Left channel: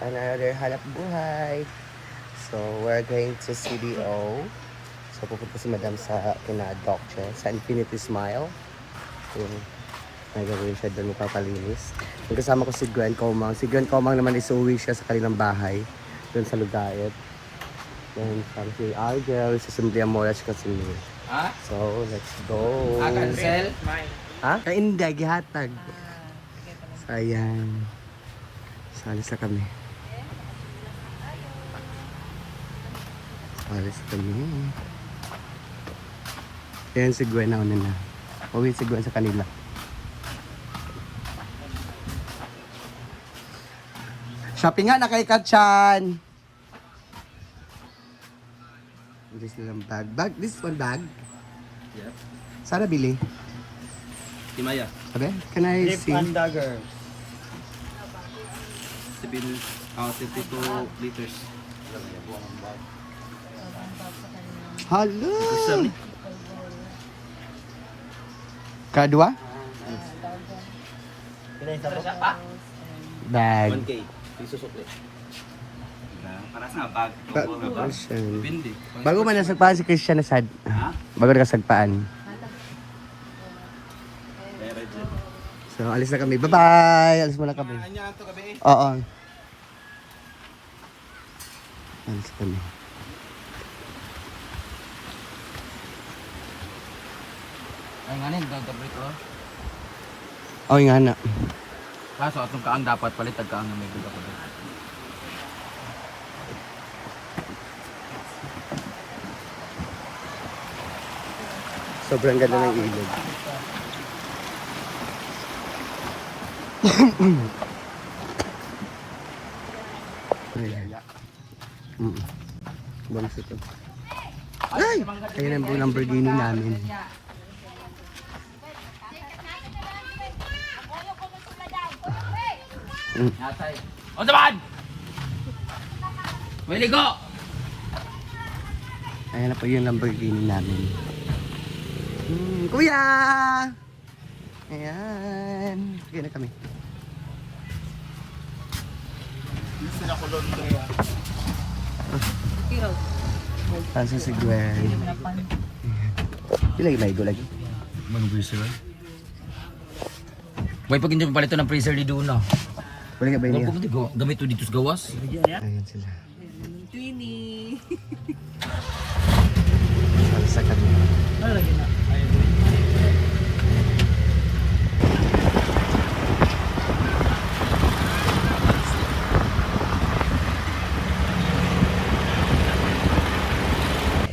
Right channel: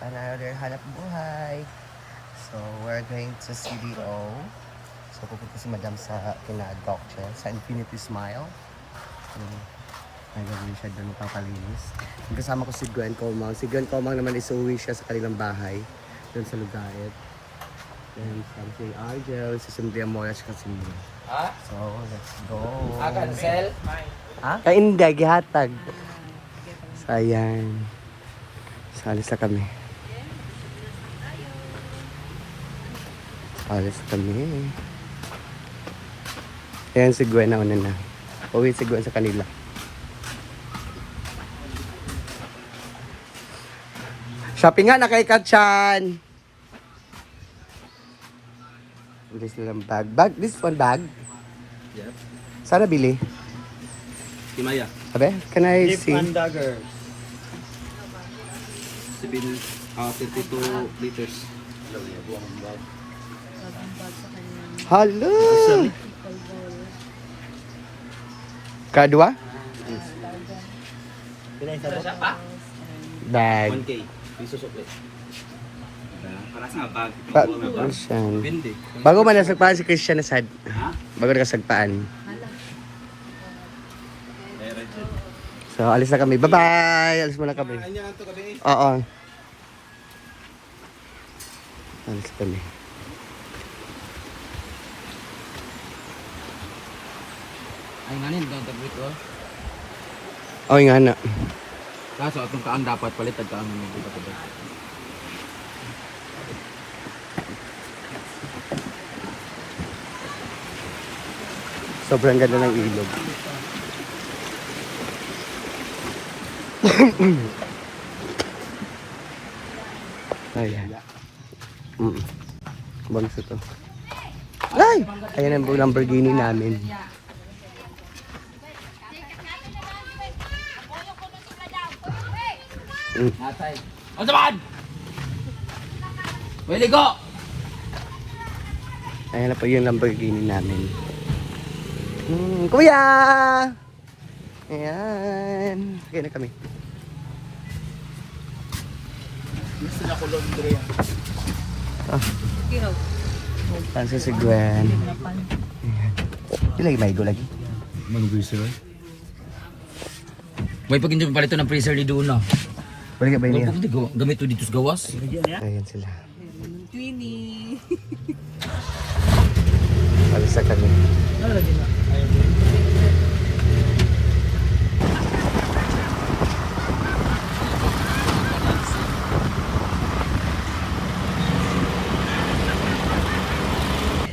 another hanap buhay. So, we're going to CDO. So, pupunta si Madam sa kina Doctor sa Infinity Smile. Yung may gagawin siya doon, magpapalinis. Yung kasama ko si Gwen Comang. Si Gwen Comang naman is uwi siya sa kanilang bahay. Doon sa Lugait. And si Argel, si Simply Amora, siya kasi ni. So, let's go. Ha? Hindi, gihatag. So, ayan. Salis na kami. Salis na kami. Ayan si Gwen na una na. Uwi si Gwen sa kanila. Shopping nga na kay Katchan! Bili silang bag. This one bag? Yes. Sana bili? Himaya. Abe, can I see? Dagger. 32 liters. Hello! Kadua? Bag. 1K. Piso sukle. Para sa bag. Christian. Pindi. Bago man nasagpaan si Christian na sad. Ha? Bago nasagpaan. So, alis na kami. Bye-bye! Alis muna kami. Anya to gabi. Oo. Alis kami. Ay nganin dadabit ko. Oh, nga na. Kaso atong kaan dapat palit kaan mo dito ko. Sobrang ganda ng ilog. Ayan. Bonus ito. Ay! Ayan ang Lamborghini namin. Natay. O naman! Wili ko! Ayan na po yung Lamborghini namin. Kuya! Ayan. Okay na kami. Gusto na ko laundry. Pansa si Gwen. Lagi may go lagi. Freezer. May pag hindi mo palito ng freezer ni Duno. Balik ka ba niya? Gamit to dito sa gawas. Ayan sila. Twinnie. Alis na kami. Ano lagi na?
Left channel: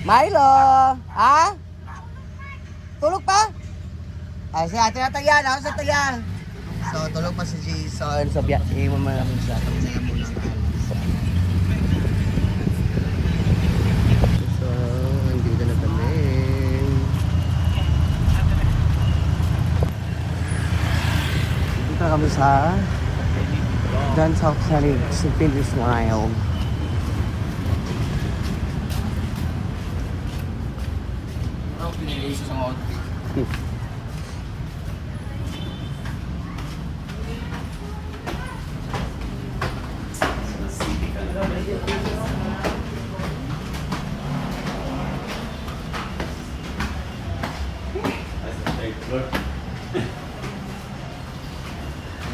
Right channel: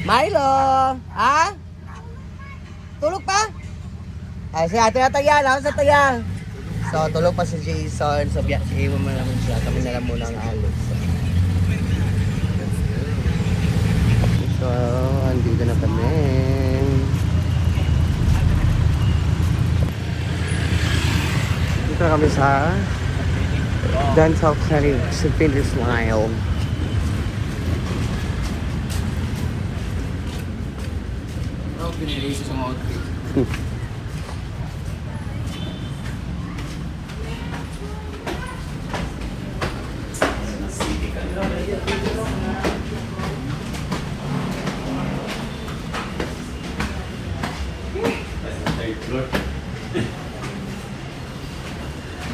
Milo! Ha? Tulog pa? Ay, siya, tinataya na ako sa taya. So, tulog pa si Jason. So, iwan mo naman siya. Kami na lang muna ang alis. So, andito na kami. Dito na kami sa Dance South Sunny sa Pinterest ngayon. Pinili sa mga outfit.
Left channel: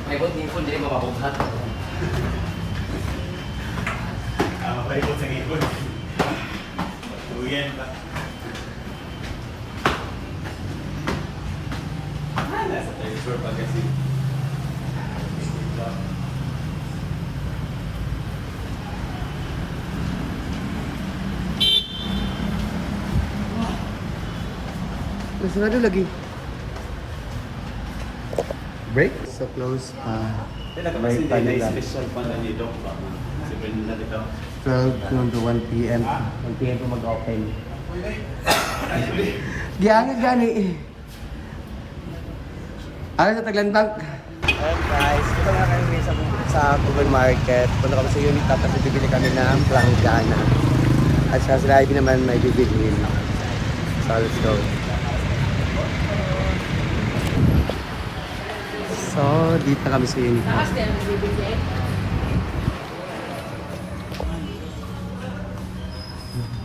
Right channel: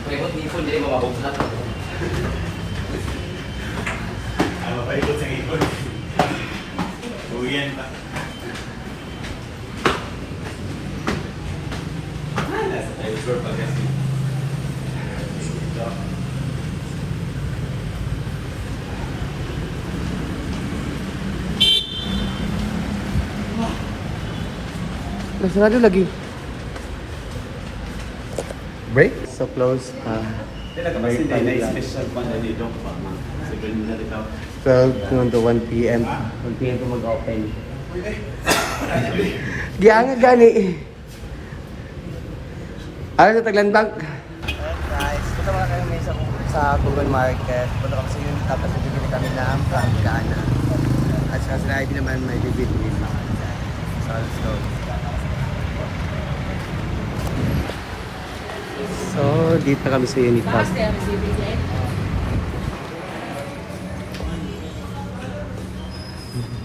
Paikot ni Ipon, hindi makahog na. Paikot sa Ipon. Uwian pa. Nasa tayo sure pa kasi. Nasarado lagi. Break? So close pa. Break pa nila. 12 noon to 1 p.m. 1 p.m. po mag-open. Diyan nga gani. Ano sa Taglandang? Ayan guys, punta muna kami ngayon sa Kugon Market. Punta kami sa unit tapos bibili kami ng planggana. At saka sila Ivy naman may bibili. So let's go. So, dito kami sa Unicap.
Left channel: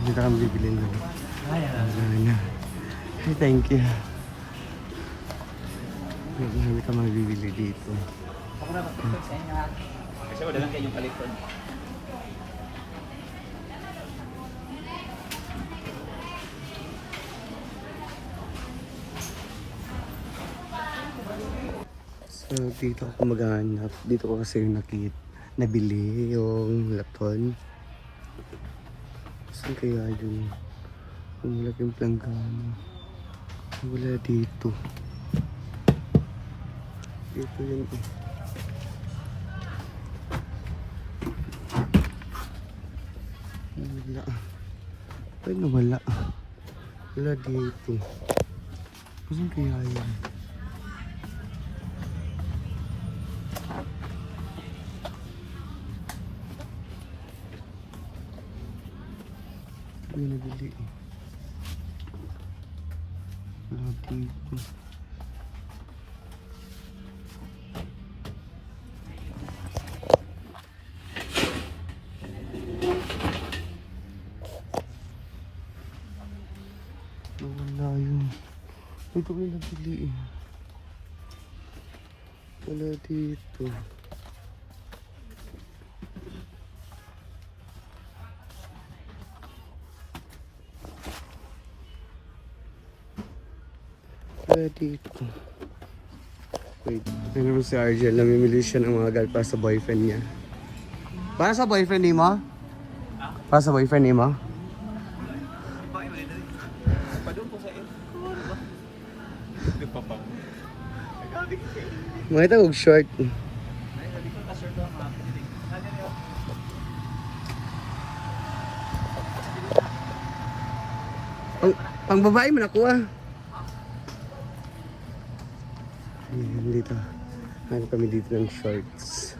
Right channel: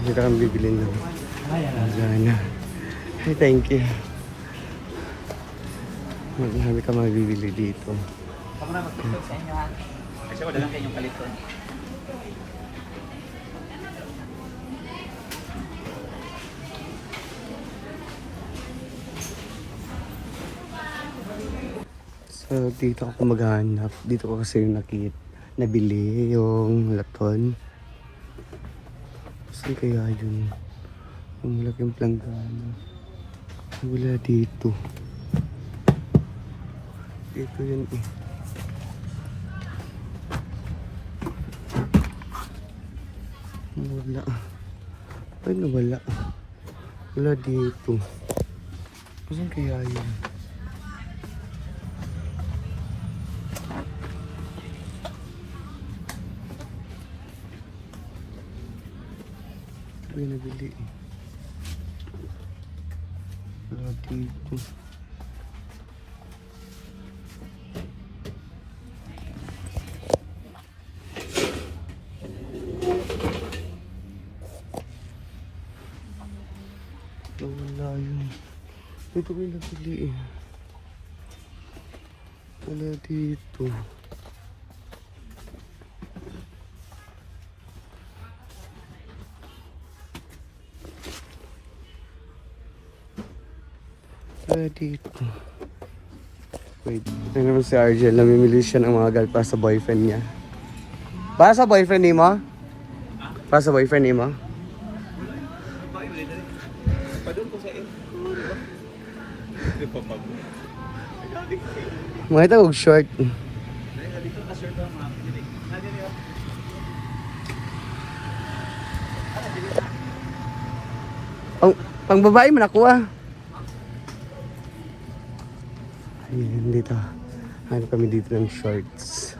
Dito kami bibili ng lana. Hey, thank you. Marami ka mabibili dito. So, dito ako maghanap. Dito ko kasi yung nabili yung laton. Saan kaya yun? Yung malaking planggana. Wala dito. Dito yun eh. Wala. Ay, nawala. Wala dito. Saan kaya yun? Ito yung nabili eh. Wala dito. Wala yun. Ito ko yung nabili eh. Wala dito. Wala dito. Wait. Ito naman si Argel. Namimili siya ng mga gal para sa boyfriend niya. Para sa boyfriend ni mo? Para sa boyfriend ni mo? Mga ito huwag short. Pang babae mo nakuha. Ayun, dito. Ano kami dito ng shorts.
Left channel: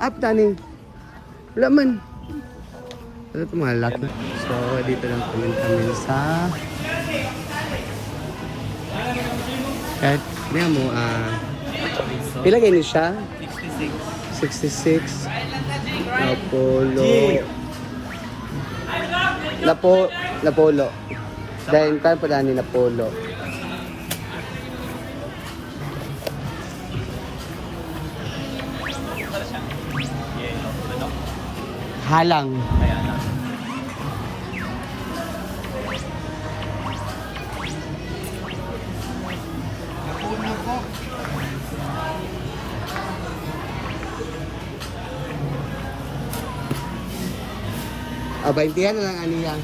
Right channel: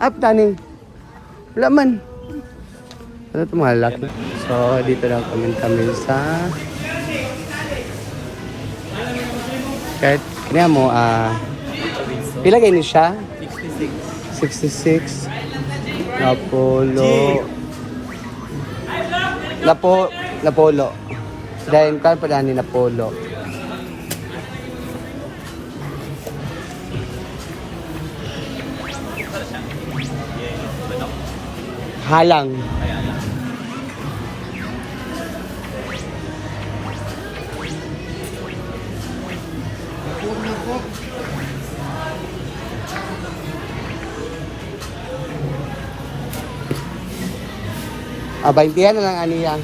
Up, Tani. Wala man. Ano ito mga laki? So, dito lang kami sa... Kahit, kaya mo, ilagay niyo siya? 66. Napolo. Napolo. Dahil kaya pa ni Napolo. Halang. Baintihan na lang aniyang.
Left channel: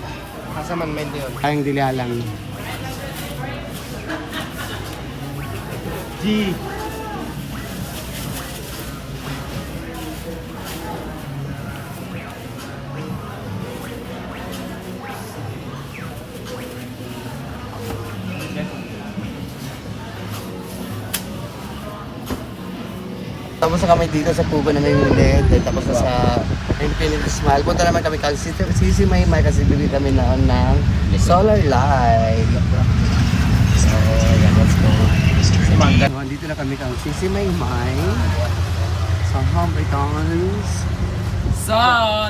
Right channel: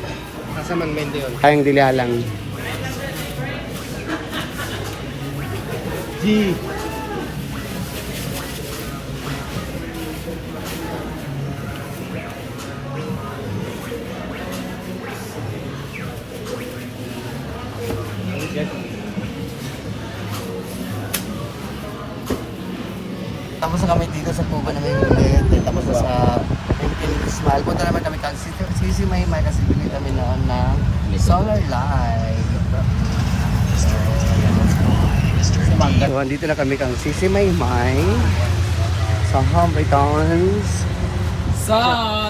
Kasi man mente yun. Kayang dilihalang. G. Tapos na kami dito sa Cuba na may ulit. Tapos na sa Infinity Smile. Punta naman kami kang Sisi Maymay kasi bili kami noon ng solar light. So, ayan, let's go. So, andito na kami kang Sisi Maymay sa Hamiltons. So,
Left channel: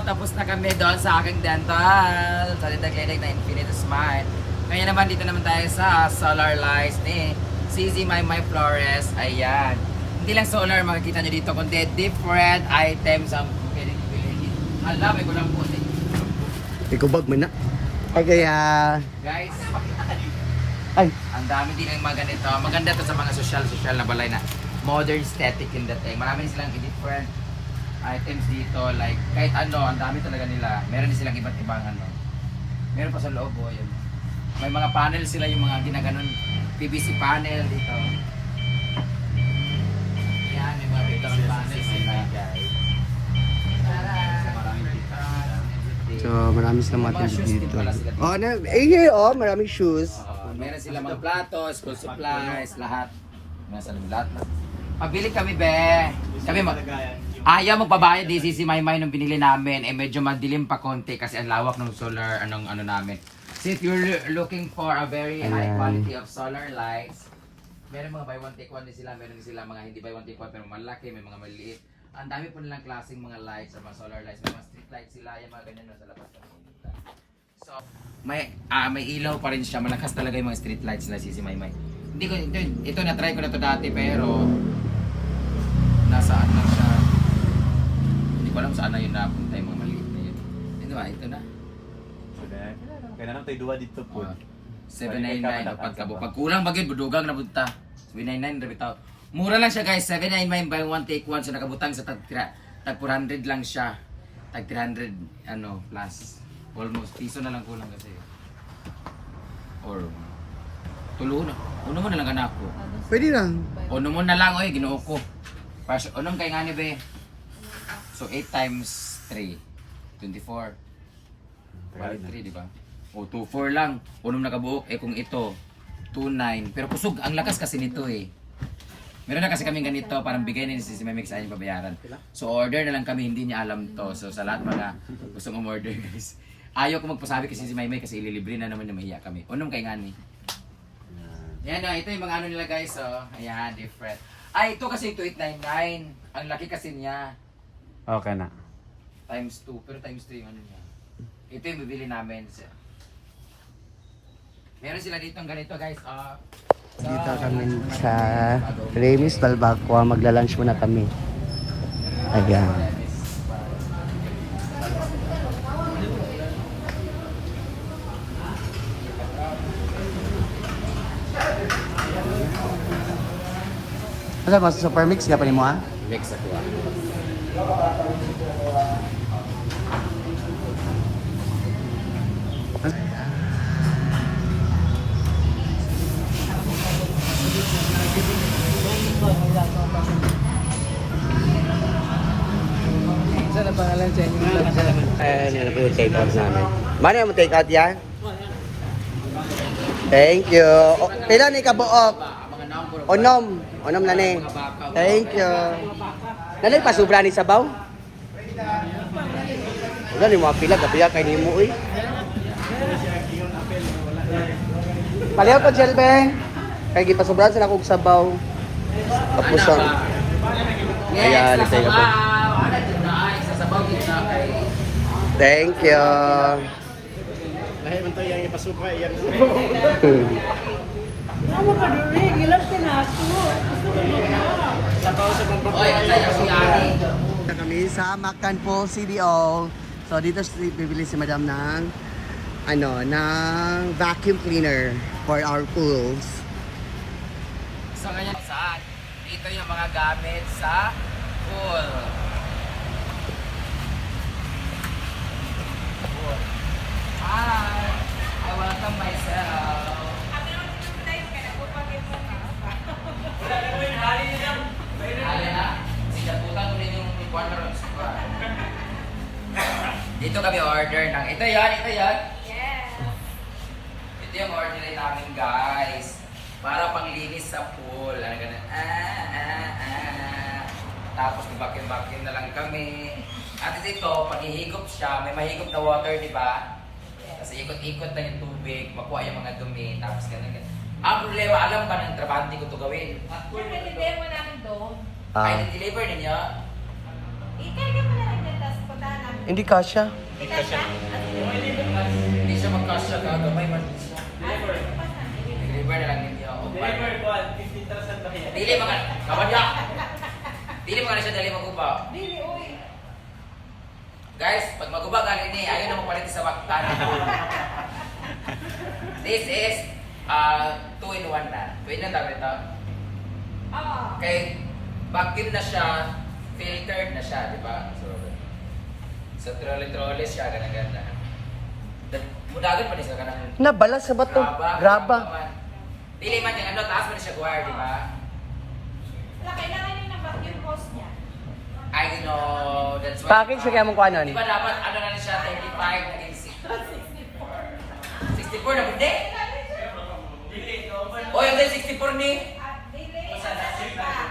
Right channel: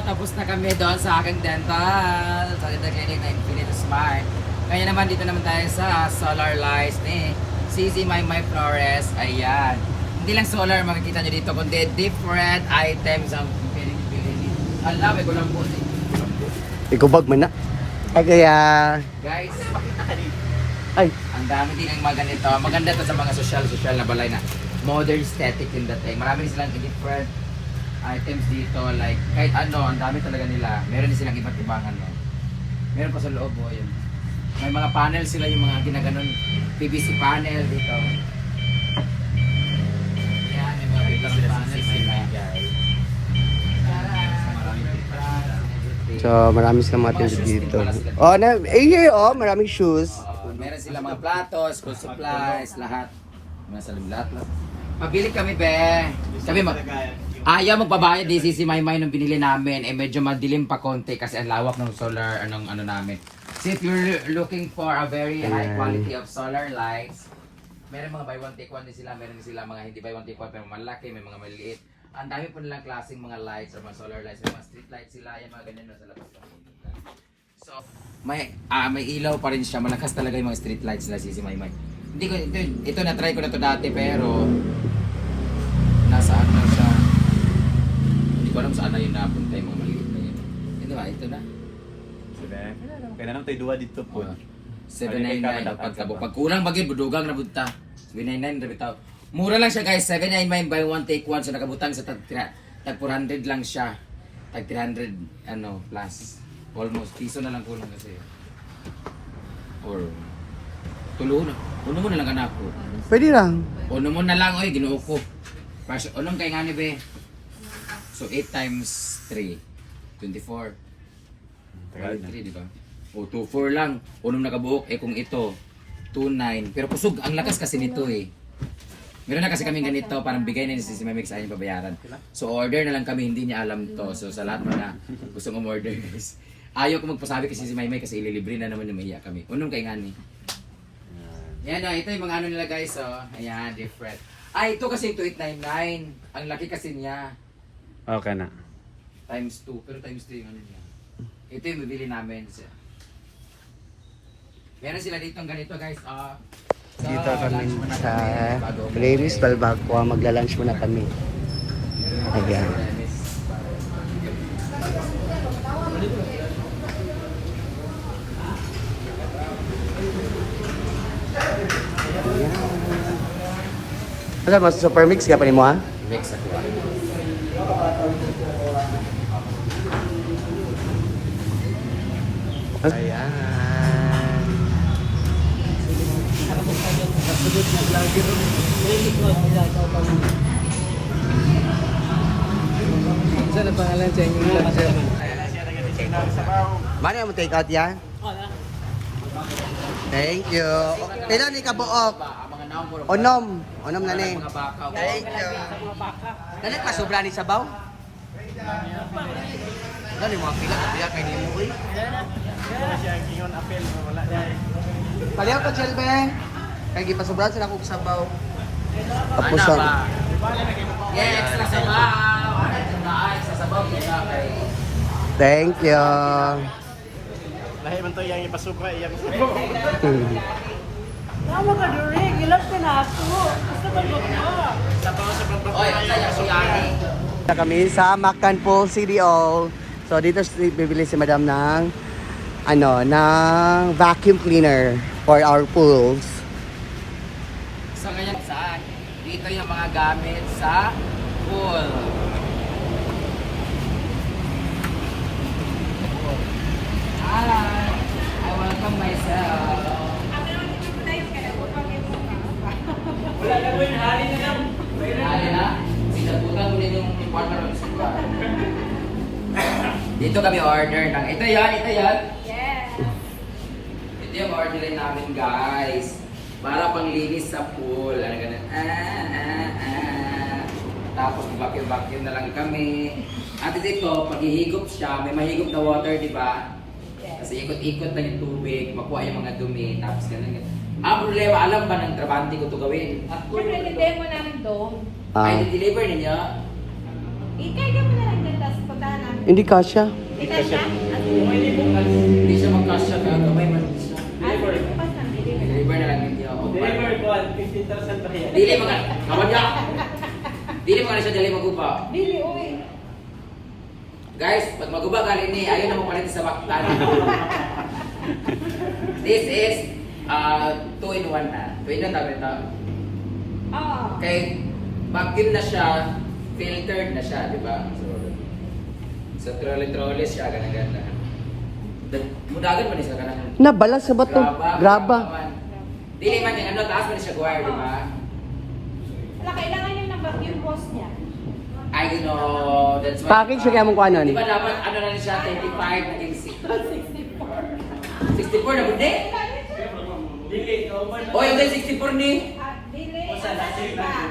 tapos na kami doon sa aking dental. Sa Clinic na Infinity Smile. Kaya naman dito naman tayo sa solar lights ni CZ My Flores. Ayan. Hindi lang solar makikita nyo dito, kundi different items ang piling-piling. Alam, ko lang po. Ikubag man na. Okay, Guys, ay, ang dami din ang mga ganito. Maganda to sa mga social na balay na modern aesthetic in dating. Marami din silang different items dito. Like, kahit ano, ang dami talaga nila. Meron din silang iba't ibang ano. Meron pa sa loob, yun. May mga panel sila, yung mga ginaganon PVC panel dito. Yan, may mga biglang panel sila, guys. so marami silang mga tinda dito. Oh, maraming shoes. Meron sila mga platos, school supplies, lahat. Nasa lahat. Pabili kami, be. Kami ayaw magpabayad di si Maymay nung binili namin. Medyo madilim pa konti kasi ang lawak ng solar, ano namin. So if you're looking for a very high quality of solar lights, meron mga buy one take one din sila, meron din sila mga hindi buy one take one pero malaki, may mga maliit. Ang dami po nilang klaseng mga lights, mga solar lights, mga street lights sila, yan mga ganyan nasa labas. So, may ilaw pa rin siya, malakas talaga yung mga street lights nila Sisi Maymay. Hindi ko, ito na-try ko na to dati pero nasaan na siya. Hindi ko alam saan na yun napunta yung mga maliit na yun. Ito ba, ito na. So, then, kaya na lang tayo duwa dito po. 799 pag kulang bagay budugang na bunta. 799 ra bitaw. Mura lang siya guys, 799 buy one take one so nakabutang sa tag 400 lang siya. Tag 300 ano plus. Almost piso na lang kulang kasi. Or tulo na. Uno mo na lang anak ko. Pwede lang. Uno mo na lang oy ginuo ko. Pas unong kay ngani be. So 8 times 3 24. 3 di ba? O 2-4 lang. Unong nakabuok eh kung ito 2-9. Pero kusog ang lakas kasi nito eh. Meron na kasi kami ganito, parang bigay na ni si Memix ay babayaran. So order na lang kami, hindi niya alam to. So sa lahat mga gusto mong order guys. Ayaw ko magpasabi kasi si Maymay kasi ililibre na naman yung mahiya kami. Unong kay ngani. Yan na, ito yung mga ano nila guys. Oh. Ayan, different. Ay, ito kasi 2899. Ang laki kasi niya. Okay na. Times 2. Pero times 2 yung ano niya. Ito yung bibili namin. Meron sila dito ganito guys. Dito kami sa Remis Balbacua. Magla-lunch muna kami. Ayan. Ano mas super mix ka pa ni mo ha? Mix. Ayan. Saan ang pangalan sa inyo? Ayan, yun na po yung take out namin. Mano yung take out yan? Thank you. O, pila ni kabuok? Onom. Onom na ni. Thank you. Nanay pa sobra ni sabaw? Wala ni mga pila, gabi kay ni mo uy. Palihaw ko, Jelbeng. Kaya gipasobrahan sila kong sabaw. Tapos ang... Ayan, nagtay ka po. Thank you. Nahiman to yung ipasupra yan. Ano ka during? Ilang pinaso? Gusto ko magkawa. Na kami sa Mactan Pool CDO. So dito bibili si Madam ng ng vacuum cleaner for our pools. So ngayon saan? Dito yung mga gamit sa pool. Hi! I welcome myself. Wala na po yung hari na lang. Hari na? Sinabutan mo rin yung partner ng suba. Dito kami order ng... Ito yan, ito yan. Ito yung orderin namin guys. Para panglinis sa pool. Ano ganun. Tapos mag-vacuum na lang kami. At ito, pag ihigop siya, may mahigop na water, di ba? Kasi ikot-ikot na yung tubig, makuha yung mga dumi, tapos ganun. Ang problema, alam ba ng trabante ko ito gawin? Siyempre, hindi mo namin doon. Ay, deliver ninyo? Ikaya mo na lang din, tapos puntahan namin. Hindi kasya. Hindi ka siya? Hindi siya magkasya, kamay man. Ano? Deliver na lang ninyo. Deliver ko, 15,000 pa yan. Dili mga, kawan niya! Dili mga siya dali maguba. Dili, uwi. Guys, pag maguba gali ni, ayaw na mo palit sa Mactan. This is 2-in-1 na. Pwede na tawag ito. Oo. Okay, vacuum na siya, filtered na siya, di ba? So, trolley siya, ganun. Mudagan mo na siya, ganun. Nabalas sa bato. Graba. Dili man yan, taas mo na siya guwire, di ba? Wala, kailangan yung number yung boss niya. I know, that's why. Package siya kaya mong kuha nun? Di ba dapat, ano na siya, 35, naging 64 na, hindi? Oh, yung 64 ni?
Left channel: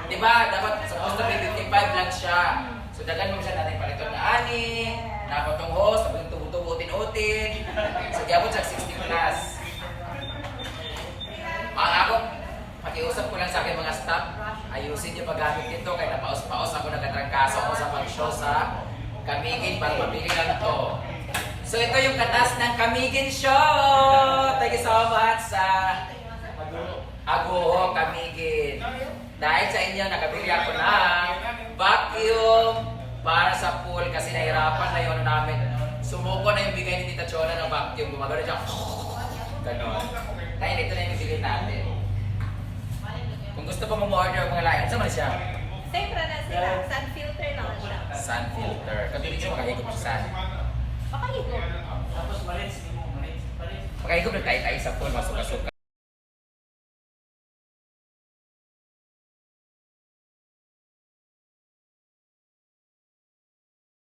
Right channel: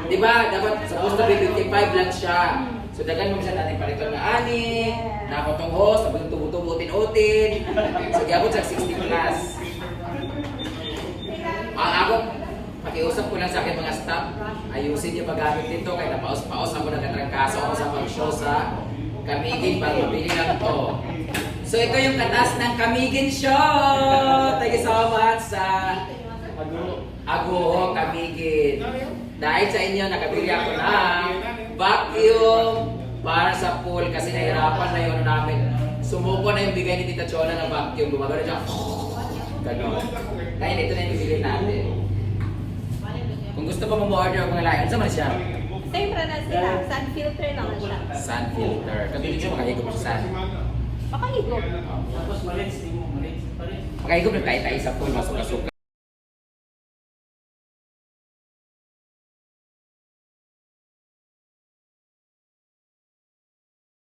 Di ba, dapat supposed to be 55 lang siya. So, dagan mo siya natin palitan na ani, nakapatong host, sabang tubo-tubo, utin-utin. So, di ako siya 60 plus. Ako, Pakiusap ko lang sa akin mga staff, ayusin yung paggamit nito kaya napaos-paos ako nagkatrangkaso ako sa pag-show sa Kamigin para mapili lang to. So ito yung katas ng Kamigin Show! Thank you so much sa Aguho Kamigin. Dahil sa inyo, nakabili ako ng vacuum para sa pool kasi nahirapan na yun namin. Sumuko na yung bigay ni Tita Chona ng vacuum. Gumagano siya. Ganon. Ngayon ito na yung bibili natin. Kung gusto pa mo order kung ngalayan, saan man siya? Same na sila. Sun filter naman siya. Sun filter. Kabilig siya makahigop sa sun. Makahigop. Makahigop na tayo sa pool, masuk-suka.